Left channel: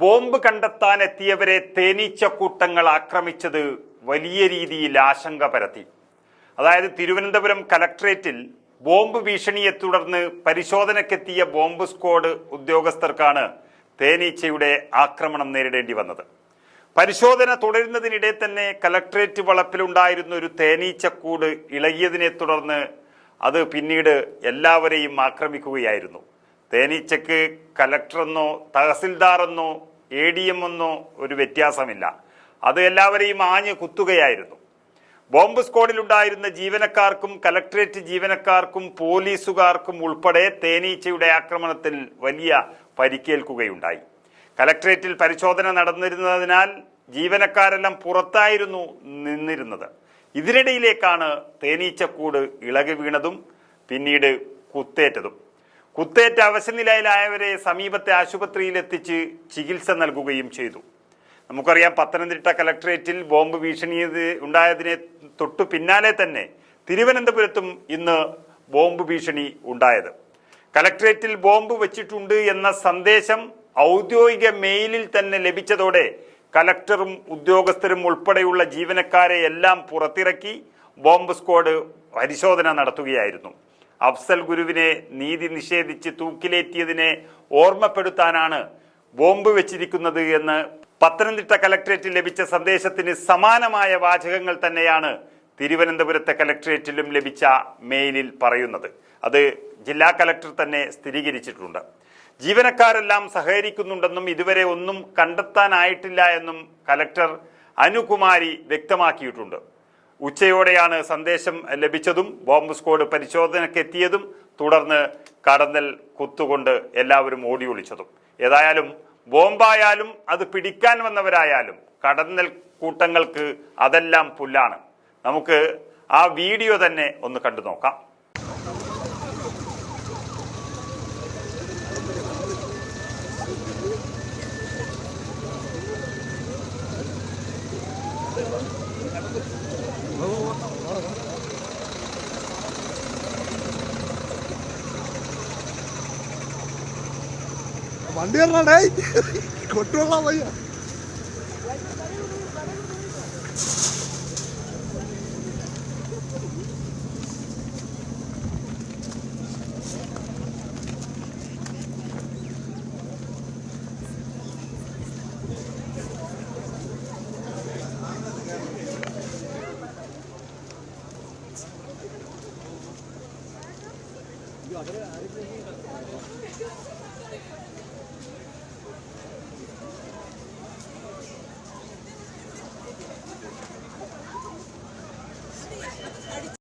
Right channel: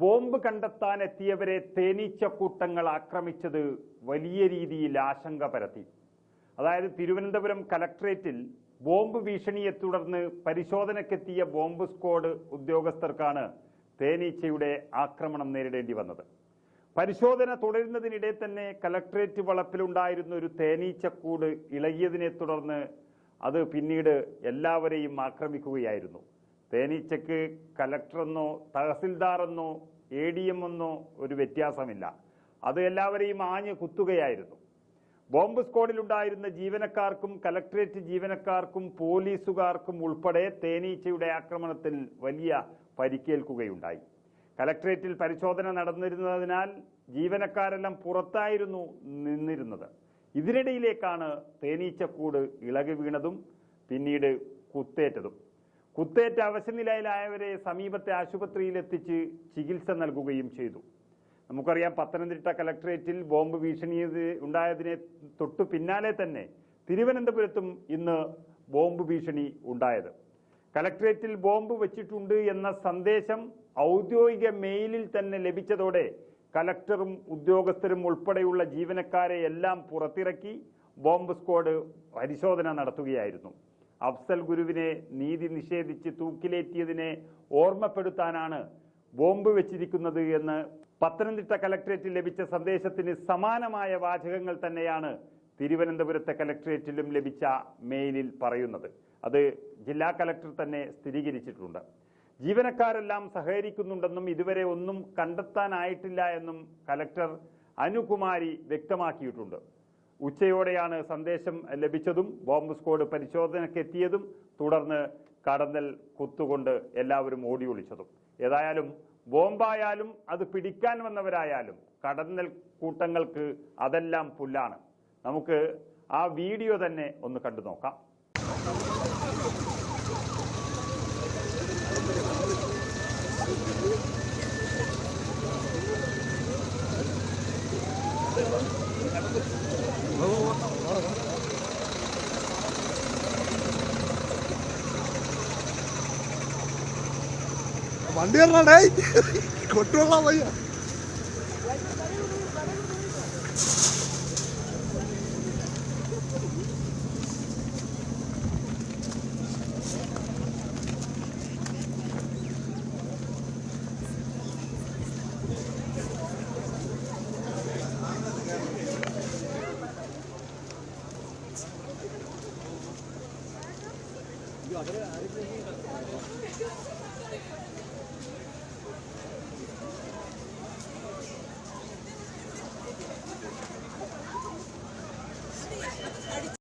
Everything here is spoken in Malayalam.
ബോംബ് കണ്ടെത്താനെത്തിയവരെ തേനീച്ചക്കൂട്ടങ്ങൾ ആക്രമിച്ചത് വലിയ രീതിയിൽ ആശങ്ക പരത്തി. അതായത് തിരുവനന്തപുരം കലക്ട്രേറ്റിൽ ബോംബ് ഭീഷണിയെ തുടർന്ന് പരിശോധനയ്ക്കെത്തിയ ബോംബ് സ്ക്വാഡ് ഉദ്യോഗസ്ഥർക്കാണ് തേനീച്ചയുടെ ആക്രമണം നേരിടേണ്ടി വന്നത്. പരിശോധന തുടരുന്നതിനിടെ തന്നെ കലക്ട്രേറ്റ് വളപ്പിലുണ്ടായിരുന്ന ഒരു തേനീച്ചക്കൂട് ഇളകിയതിനെ തുടർന്ന് അത് പിന്നീട് എല്ലാവരെയും ആക്രമിക്കുകയായിരുന്നു. തേനീച്ചക്ക് കലക്ടറെന്നോ തഹസിൽദാറെന്നോ ADM എന്നോ ഒരു വ്യത്യാസമില്ല. അത് എല്ലാവരെയും ആഞ്ഞ് കുത്തുകയായിരുന്നു. ബോംബ് സ്ക്വാഡിലുണ്ടായിരുന്ന ജീവനക്കാർക്കും കലക്ട്രേറ്റ് ജീവനക്കാർക്കും പോലീസുകാർക്കും ഉൾപ്പെടെ തേനീച്ചയുടെ ആക്രമണത്തിൽ വലിയ പരിക്കേൽക്കുകയുണ്ടായി. കലക്ട്രേറ്റിൽ പരിശോധന നടന്നിരുന്നതിനാൽ ജീവനക്കാരെല്ലാം പുറത്തായിരുന്നു നിന്നിരുന്നത്. ഇതിനിടയിലേക്കാണ് തേനീച്ചക്കൂട് ഇളകി വീണതും പിന്നീട് കുത്തേറ്റതും. കുത്തേറ്റ അവശനിലയിലായവരെ സമീപത്തെ ആശുപത്രിയിലെത്തിച്ച് ചികിത്സ നൽകുകയും ചെയ്തു. നമുക്കറിയാം, പത്തനംതിട്ട കലക്ട്രേറ്റിൽ ബോംബ് ഭീഷണി ഉണ്ടായതിനെ തൊട്ടു പിന്നാലെ തന്നെ തിരുവനന്തപുരത്തും ഇന്ന് ബോംബ് ഭീഷണി ഉണ്ടായത്. കലക്ട്രേറ്റിൽ ബോംബ് വെച്ചിട്ടുണ്ട് എന്ന സന്ദേശം ഔദ്യോഗിക മെയിലിൽ തന്നെ ലഭിച്ചതോടെ കലക്ടറും ഉദ്യോഗസ്ഥരും ഉൾപ്പെടെയുള്ള ജീവനക്കാരെ എല്ലാം പുറത്തിറക്കി ബോംബ് സ്ക്വാഡ് പരിശോധന നടത്തുകയായിരുന്നു. അഫ്സൽ ഗുരുവിനെ നീതി നിഷേധിച്ച് തൂക്കിലേറ്റിയതിനെ ഓർമ്മപ്പെടുത്താനാണ് ബോംബ് വെച്ചിരിക്കുന്നത് എന്ന് പത്തനംതിട്ട കലക്ട്രേറ്റിൽ ലഭിച്ച സന്ദേശത്തിന് സമാനമായ വാചകങ്ങൾ തന്നെയാണ് തിരുവനന്തപുരത്തെ കലക്ട്രേറ്റിലും ലഭിച്ച മെയിലിൽ പറയുന്നത്. അത് ജില്ലാ കലക്ടർ തന്നെ സ്ഥിരീകരിച്ചിട്ടുണ്ട്. ജീവനക്കാരെല്ലാം സഹകരിക്കുന്നുണ്ടെന്നും ഇതുവരെ ഒന്നും കണ്ടെത്താനായിട്ടില്ല എന്നും കലക്ടർ അനുകുമാരി വ്യക്തമാക്കിയിട്ടുണ്ട്. ഉച്ചയോടെയാണ് സന്ദേശം ലഭിച്ചതും ബോംബ് സ്ക്വാഡ് പരിശോധനയ്ക്കെത്തിയതും തുടർന്ന് കടന്നൽ കുത്തുകൊണ്ട് എല്ലാവരും ഓടി ഒളിച്ചതും. ഏതായാലും ബോംബായാലും അത് പിടിക്കാൻ വന്നവരായാലും കടന്നൽ കൂട്ടങ്ങൾക്ക് അതെല്ലാം പുല്ലാണ്. നമുക്ക് ആ വീഡിയോ തന്നെ ഒന്ന് കണ്ടു നോക്കാം. വണ്ടി കൊണ്ടുള്ള വയ്യ.